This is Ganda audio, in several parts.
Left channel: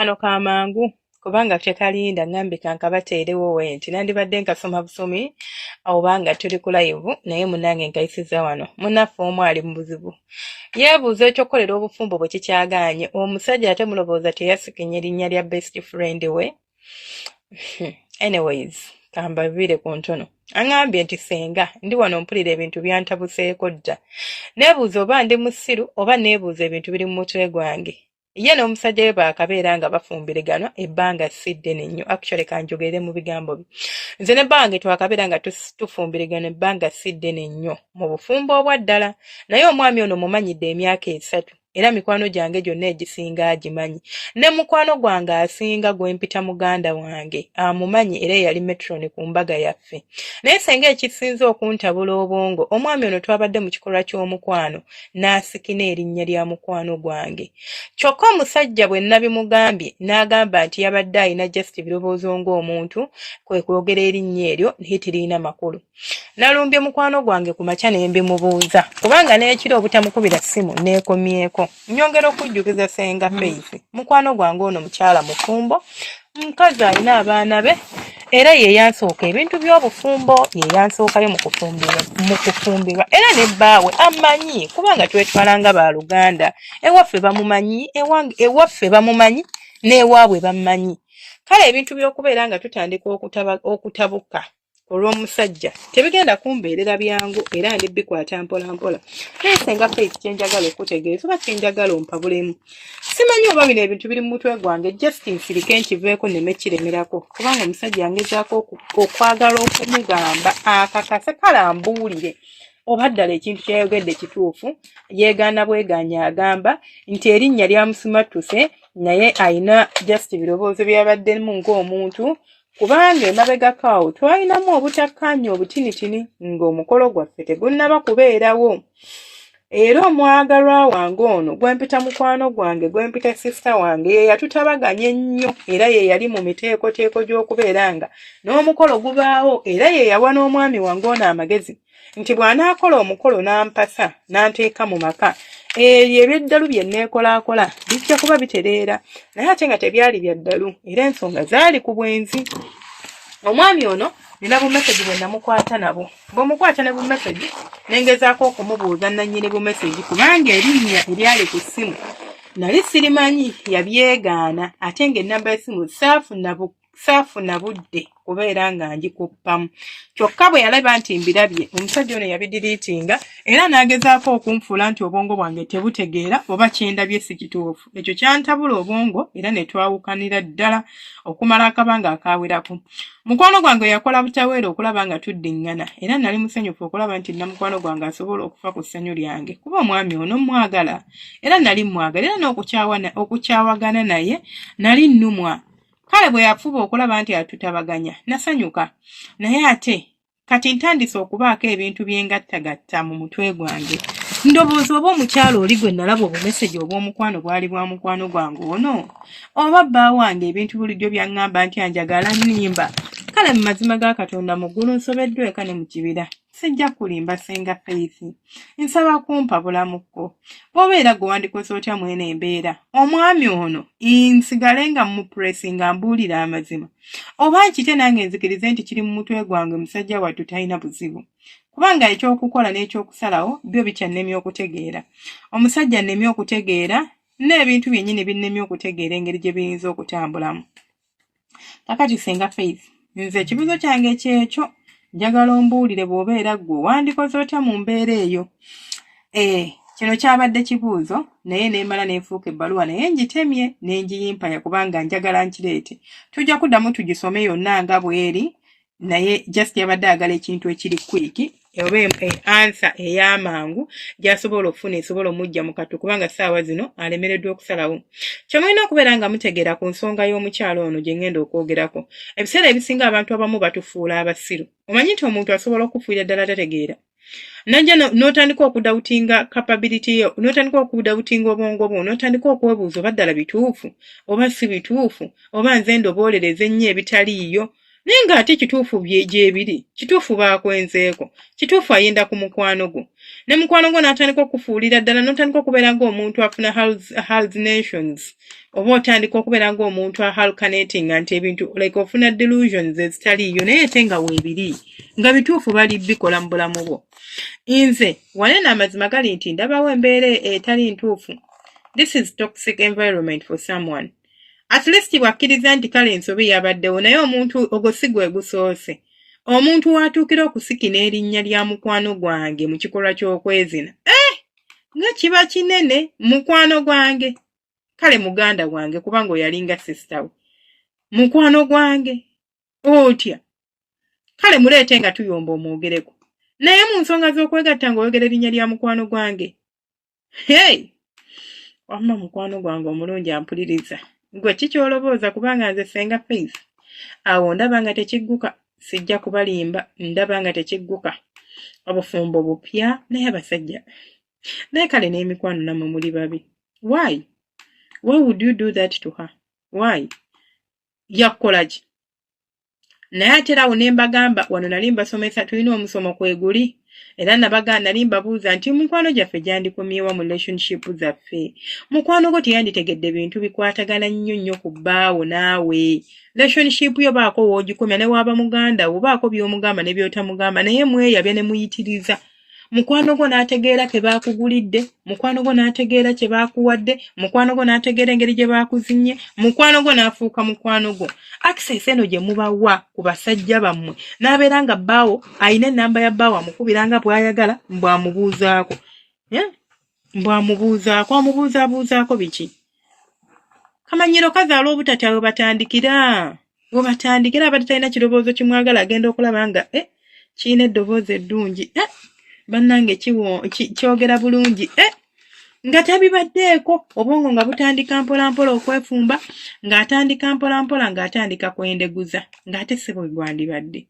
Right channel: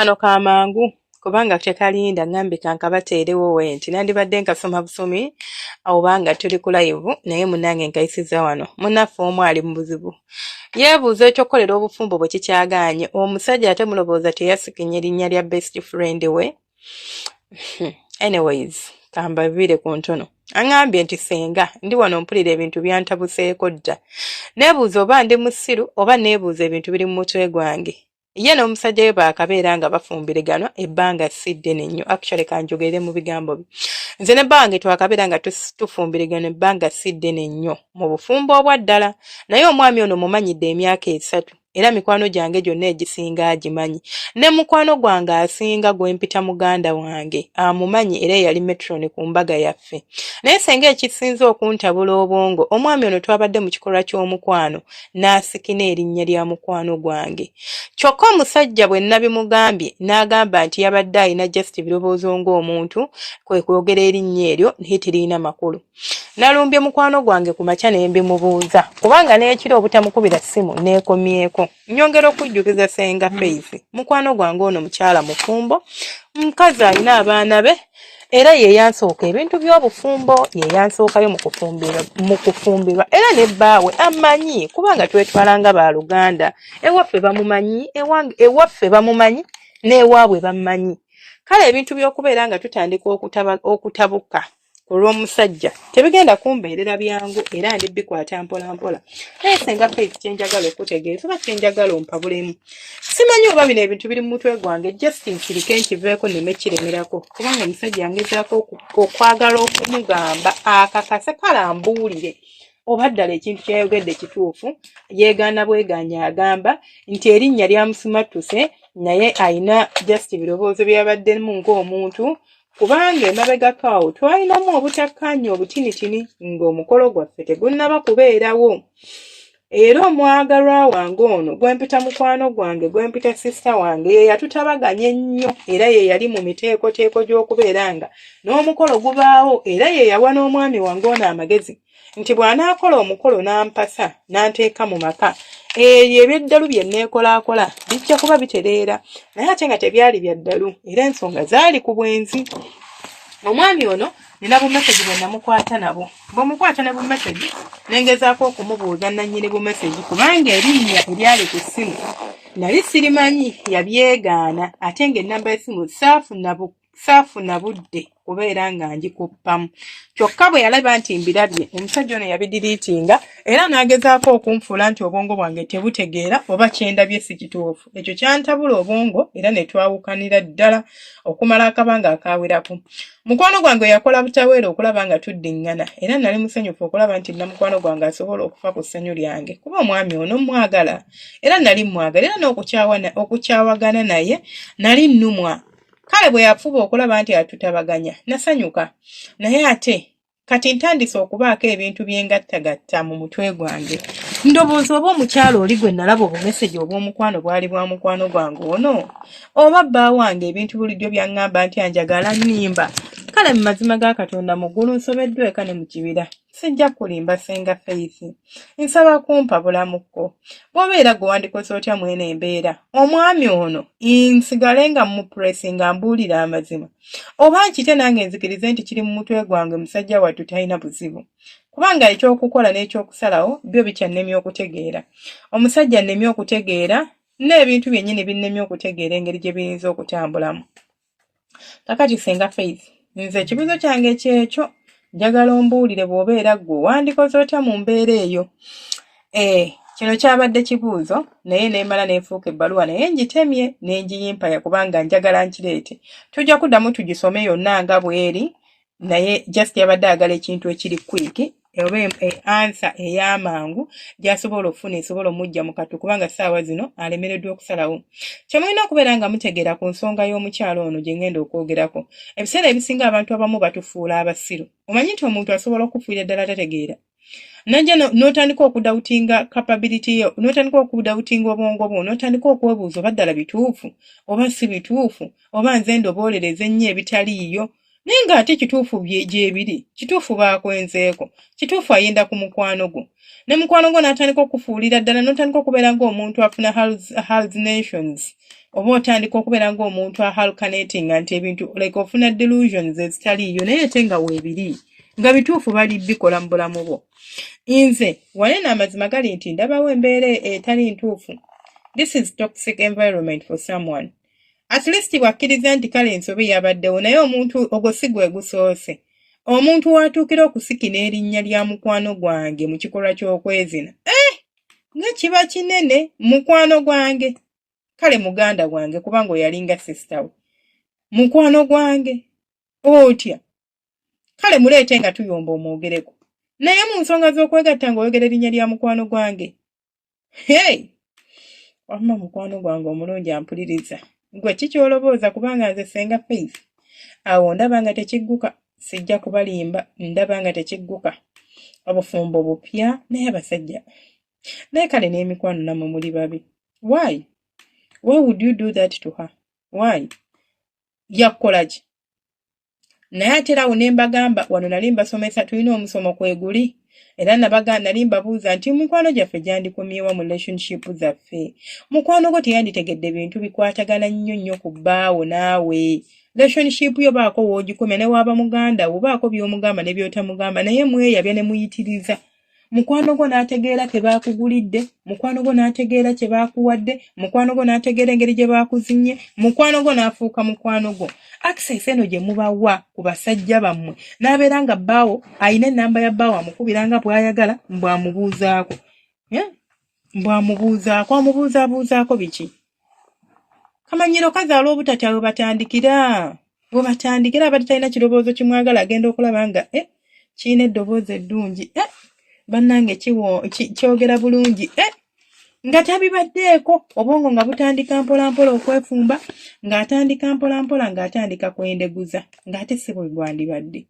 Kano kamangu kubanga tekalinda ngambe kankabateerewo wenti nandibadde nkasoma busomi obanga tuli ku live naye munange nkayisiza wano munaffe omu ali mu buzibu yeebuuza ekyokolera obufumbo bwe kikyagaanye omusajja ate mulowooza teyasikinye erinnya lya best friend we anyways kambavire ku ntono angambye nti senga ndi wano mpulira ebintu byantabuseeko dda neebuuza oba ndi musiru oba neebuuza ebintu biri mu mutwe gwange ye n'omusajja we baakabeera nga bafumbiriganwa ebbanga si ddene nnyo actually kanjogere mu bigambo bye nze ne bange twakabeera nga tufumbirigana ebbanga si ddene nnyo mu bufumbo obwa ddala naye omwami ono mumanyidde emyaka 3 era mikwano gyange gyonna egisinga agimanyi ne mukwano gwange asinga gwempita muganda wange amumanyi era yali metron ku mbaga yaffe naye senga ekisinze okuntabula obwongo omwami ono twabadde mu kikolwa ky'omukwano n'asikina erinnya lya mukwano gwange kyokka omusajja bwe nabimugambye n'agamba nti yabadde alina just birowoozo ng'omuntu kwe kwogera erinnya eryo naye teriina makulu nalumbye mukwano gwange ku makya ne mbimubuuza kubanga n'ekiro obutamukubira ssimu neekomyeko nyongera okujjukiza senga Faith mukwano gwange ono mukyala mufumbo mukazi alina abaana be era ye yansooka ebintu by'obufumbo ye yansookayo mu kufumbirwa era ne bbaawe amanyi kubanga twetwalanga baaluganda ewaffe bamumanyi n'ewaabwe bamumanyi kale ebintu by'okubeera nga tutandika okutabuka olw'omusajja tebigenda kumbeerera byangu era ndibikwata mpola mpola naye senga Faith kyenjagala okutegeeza oba kyenjagala ompabulemu simanyi oba bino ebintu biri mu mutwe gwange just nsirike nkiveeko nneme kiremerako kubanga omusajja yangezaako okwagala okumugamba akakase kalambuulire oba ddala ekintu kyeyogedde kituufu yeegaana bweganya agamba nti erinnya lyamusimattuse naye alina just birowoozo byabaddemu ng'omuntu kubanga emabegako awo twalinamu obutakkaanya obutinitini ng'omukolo gwaffe tegunnaba kubeerawo era omwagalwa wange ono gwempita mukwano gwange gwempita sisita wange ye yatutabaganya ennyo era ye yali mu miteekoteeko gy'okubeera nga n'omukolo gubaawo era ye yawa n'omwami wange ono amagezi nti bw'anaakola omukolo n'ampasa n'anteeka mu maka ebyo ebyeddalu bye neekolaakola bijja kuba bitereera naye ate nga tebyali bya ddalu era ensonga zaali ku bwenzi omwami ono nina bumesegi bwe namukwata nabo bw'omukwata ne bumesegi nengezaako okumubuuza nannyini bumesegi kubanga erinnya eryali ku ssimu nali sirimanyi yabyegaana ate ng'ennamba y'essimu saafuna budde kubeera nga ngikuppamu kyokka bwe yalaba nti mbirabye omusajja ono yabidiriitinga era n'agezaako okunfuula nti obwongo bwange tebutegeera oba kyendabye si kituufu ekyo kyantabula obwongo era ne twawukanira ddala okumala akabanga akawerako mukwano gwange yakola butaweera okulaba nga tuddiŋŋana era nali musanyufu okulaba nti namukwano gwange asobola okufa ku ssanyu lyange kuba omwami ono mwagala era nali mwagala era n'okukyawagana naye nali nnumwa kale bwe yafuba okulaba nti atutabaganya nasanyuka naye ate kati ntandise okubaako ebintu byengattagatta mu mutwe gwange ndowooza oba omukyalo oli gwe nalaba obumeseji obw'omukwano bwali bwa mukwano gwange ono oba bba wange ebintu bulijjo byaŋŋamba nti anjagala nnimba kale mu mazima ga Katonda mu ggulu nsobeddwa eka ne mu kibira sijja kulimba senga Faith nsaba kumpa bulamukko bw'obeera gwe wandikoze otya mwene embeera omwami ono nsigale nga mupuresinga mbuulira amazima oba nkite nange nzikirize nti kiri mu mutwe gwange musajja wattu talina buzibu kubanga ekyokukola n'ekyokusalawo byo bikyannemye okutegeera omusajja annemye okutegeera n'ebintu byennyini binnemye okutegeera engeri gye biyinza okutambulamu kakati senga Faith nze ekibuzo kyange kyekyo njagala ombuulire bw'obeera ggwe wandikoze otya mu mbeera eyo kino kyabadde kibuuzo naye neemala neefuuka ebbaluwa naye ngitemye n'engiyimpaya kubanga njagala nkireete tujja kuddamu tugisome yonna nga bw'eri naye just yabadde agala ekintu ekiri kwiki oba ansa ey'amangu gy'asobola okufuna esobola omujja mu katu kubanga ssaawa zino alemereddwa okusalawo kyemulina okubeera nga mutegeera ku nsonga y'omukyalo ono gye ngenda okwogerako ebiseera ebisinga abantu abamu batufuula abasiru omanyi nti omuntu asobola okufuira ddala tategeera najja n'otandika okudawutinga capability yo n'otandika okudawutinga obwongo bwo n'otandika okwebuuza oba ddala bituufu oba si bituufu oba nze ndoboolereza ennyo ebitaliiyo naye ng'ate kituufu gyebiri kituufu baakwenzeeko kituufu ayenda ku mukwano gwo ne mukwano gwo n'atandika okufuulira ddala n'otandika okubeera ng'omuntu afuna hallucinations oba otandika okubeera ng'omuntu ahallucinatinga nti ebintu like ofuna delusions ezitaliiyo naye ate nga weebiri nga bituufu bali bikola mu bulamu bwo. Nze wanene amazima gali nti ndabawo embeera etali ntuufu. This is toxic environment for someone. At least bwakkiriza nti kale ensobi yabaddewo naye omuntu ogwo si gwe gusoose. Omuntu watuukira okusikina erinnya lya mukwano gwange mu kikolwa ky'okwezina. Nga kiba kinene mukwano gwange. Kale muganda gwange kubanga oyalinga sister we. Mukwano gwange. Otya. Kale muleete nga tuyomba omwogereko. Naye mu nsonga z'okwegatta ng'oyogera erinnya lya mukwano gwange. Hey! Wamma mukwano gwange omulungi ampuliriza. Gwe kikyolobooza kubanga nze Senga Faith. Awo ndaba nga tekigguka. Sijja kubalimba. Ndaba nga tekigguka. Obufumbo bupya naye abasajja. Naye kale n'emikwano nammwe muli babi. Why? Why would you do that to her? Why? Yakukola ki? Naye ate awo ne mbagamba wano nali mbasomesa tulina omusomo kweguli. Era nali mbabuuza nti mukwano gyaffe gyandikomyewa mu relationship zaffe. Mukwano gwo teyanditegedde bintu bikwatagana nnyo ku bbaawo naawe. Relationship yo baako w'ogikomya ne waaba muganda wo baako by'omugamba ne by'otamugamba naye mweyabya ne muyitiriza. Mukwano gwo n'ategeera ke baakugulidde, mukwano gwo n'ategeera kye baakuwadde, mukwano gwo n'ategeera engeri gye baakuzinye, mukwano gwo n'afuuka mukwano gwo. Access eno gye mubawa ku basajja bammwe n'abeera nga bbaawo ayina ennamba ya bbaawo amukubiranga bw'ayagala mbw'amubuuzaako. Mbw'amubuuzaako amubuuzaabuuzaako biki? Kamanyiro kazaala obutatya we batandikira. We batandikira abadde talina kirowoozo kimwagala agenda okulaba nga kirina eddoboozi eddungi. Bannange kyogera bulungi. Nga tabibaddeeko obwongo nga butandika mpolampola okwefumba ng'atandika mpolampola ng'atandika kwendeguza ng'ate si bwe gwandibadde.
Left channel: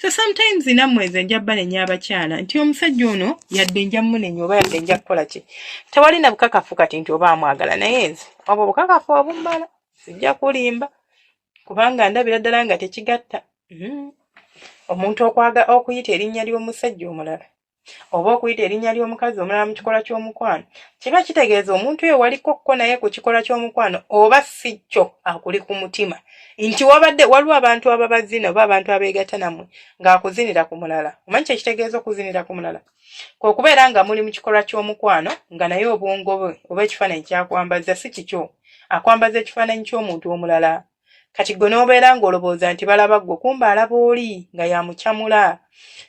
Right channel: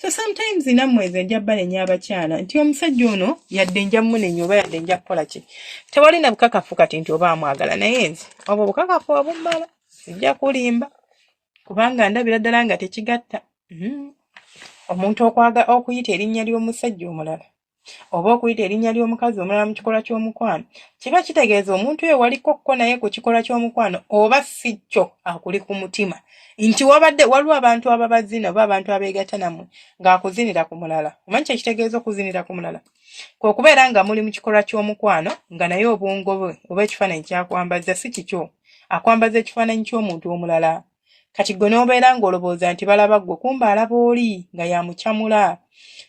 So sometimes nammwe nze nja banenya abakyala nti omusajja ono yadde nja munenya oba yadde nja kukola ki. Tewali na bukakafu kati nti oba amwagala naye nze obwo bukakafu obummala sijja kulimba kubanga ndabira ddala nga tekigatta. Omuntu okuyita erinnya ly'omusajja omulala oba okuyita erinnya ly'omukazi omulala mu kikola ky'omukwano kiba kitegeeza omuntu oyo walikokko naye ku kikola ky'omukwano oba si kyo akuli ku mutima nti waliwo abantu ababazina oba abantu abeegatta nammwe ng'akuzinira ku mulala. Omanyi kye kitegeeza okuzinira ku mulala? Kwe kubeera nga muli mu kikola ky'omukwano nga naye obwongo bwe oba ekifaananyi kyakwambaza si kikyo akwambaza ekifaananyi ky'omuntu omulala. Kati gwe n'obeera ng'olowooza nti balaba ggwe kumbe alaba oli nga yamukyamula.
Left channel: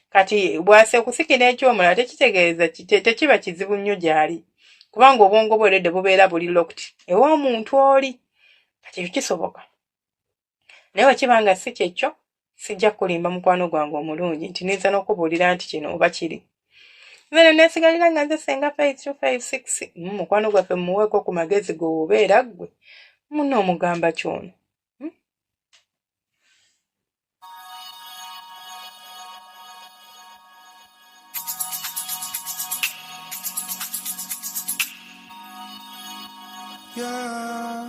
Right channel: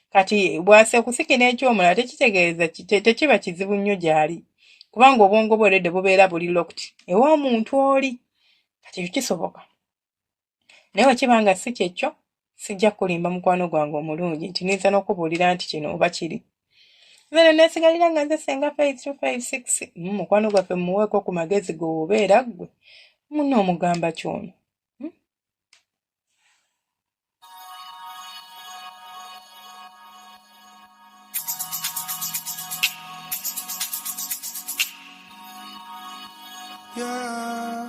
Kati bwase kusikina ekyomulala tekitegeeza tekiba kizibu nnyo gy'ali kubanga obwongo bwe redde bubeera buli locked ew'omuntu oli. Kati kisoboka. Naye wekibanga si kyekyo sijja kulimba mukwano gwange omulungi nti niyinza n'okubuulira nti kino oba kiri. Nze neesigalira nga nze Senga Faith 256 mukwano gwaffe mumuweeko ku magezi g'obeera ggwe munno omugamba kyono. Yeah.